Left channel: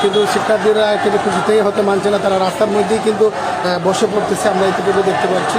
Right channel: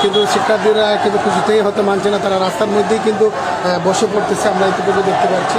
কিন্তু শিক্ষার্থীরা কিন্তু কিছুতেই হতে মানছে না, তারা রাস্তার মধ্যেই কিন্তু বসে পড়তেছে, আমরা ইতিপূর্বে দেখতে পাচ্ছি।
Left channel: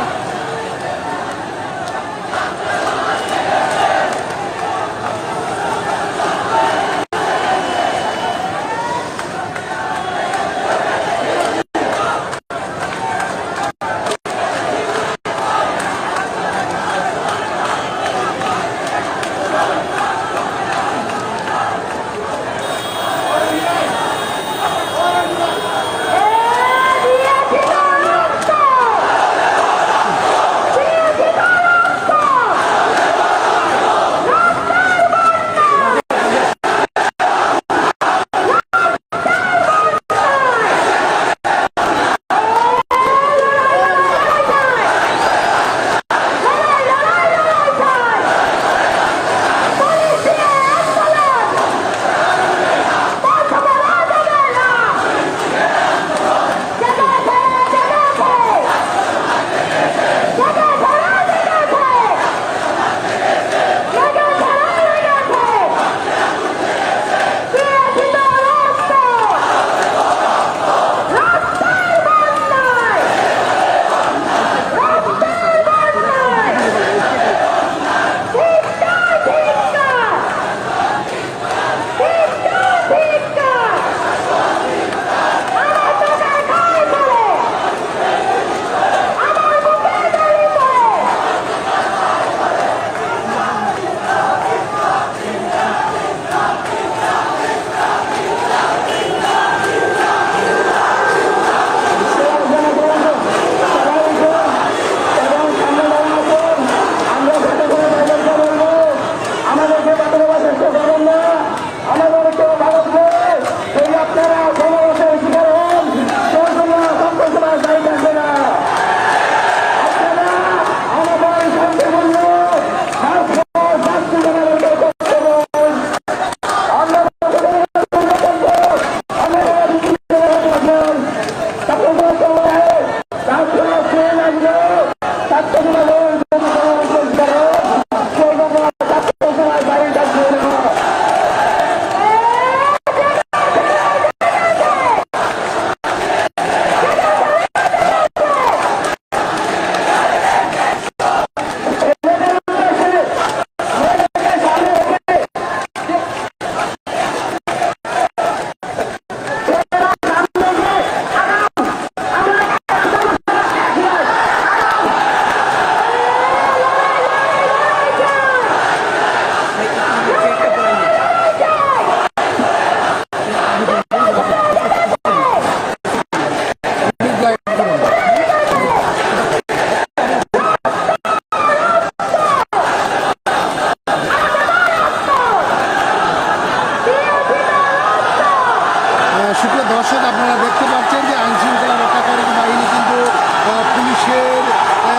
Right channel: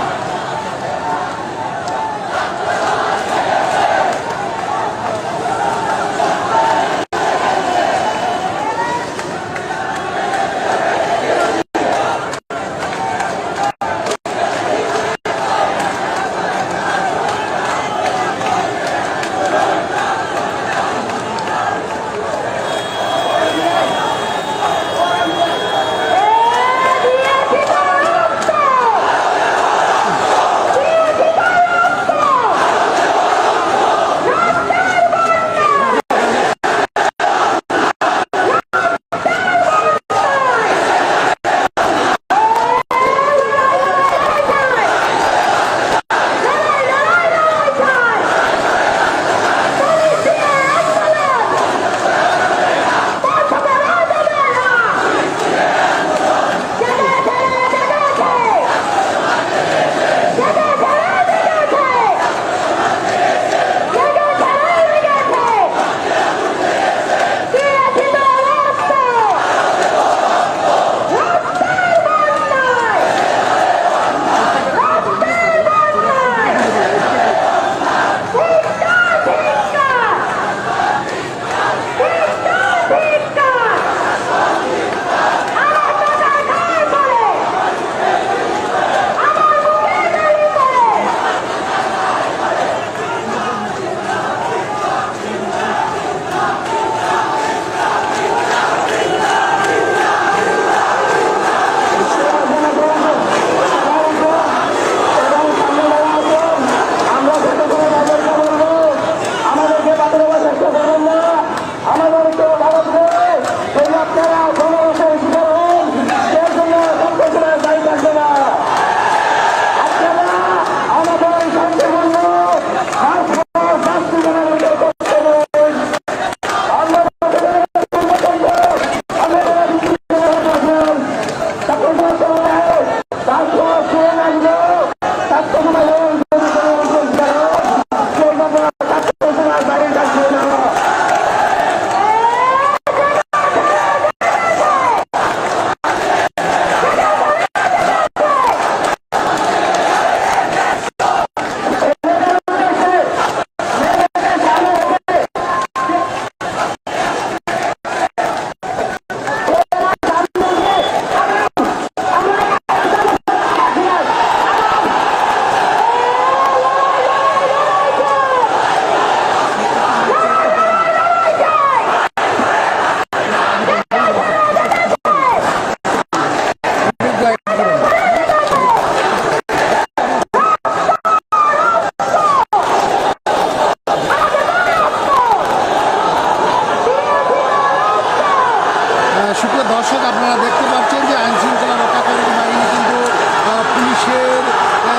ছাত্র সুপ্রিয় দর্শক, আপনারা দেখতে পাচ্ছেন যে আইন শৃঙ্খলা রক্ষাকারী বাহিনী কিন্তু পুলিশের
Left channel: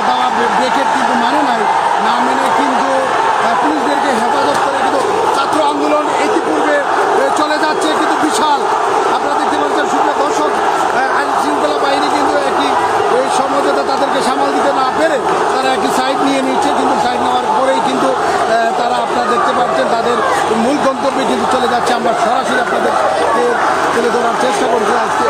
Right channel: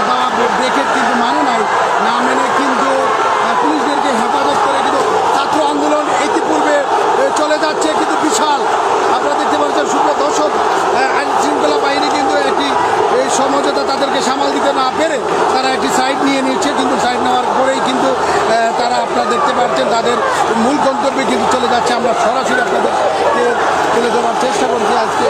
দেওয়া ব্রেকের কিন্তু মানে নাই, না মেনে কিন্তু পুলিশদেরকে হেফাজত করে কিন্তু ছাত্র আন্দোলন ইতিপূর্বে চলে যাচ্ছে কিন্তু বিশাল। আপনারা দেখতে পাচ্ছেন সুপ্রিয় দর্শক আইনশৃঙ্খলা আইন শৃঙ্খলা বাহিনী কিন্তু একটি এই সমঝোতা তাদেরকে সামাল দিতে না পেরে তারা একটি সাইড নিয়ে নিচ্ছে, কিন্তু সাইড নেওয়ার পরেই কিন্তু তারা আপনারা দেখতে পাচ্ছেন তাদের মূল গন্তব্যে কিন্তু চলে যাচ্ছে। আমরা সরাসরি আপনাদেরকে তুলে ধরার চেষ্টা করছি আজকে।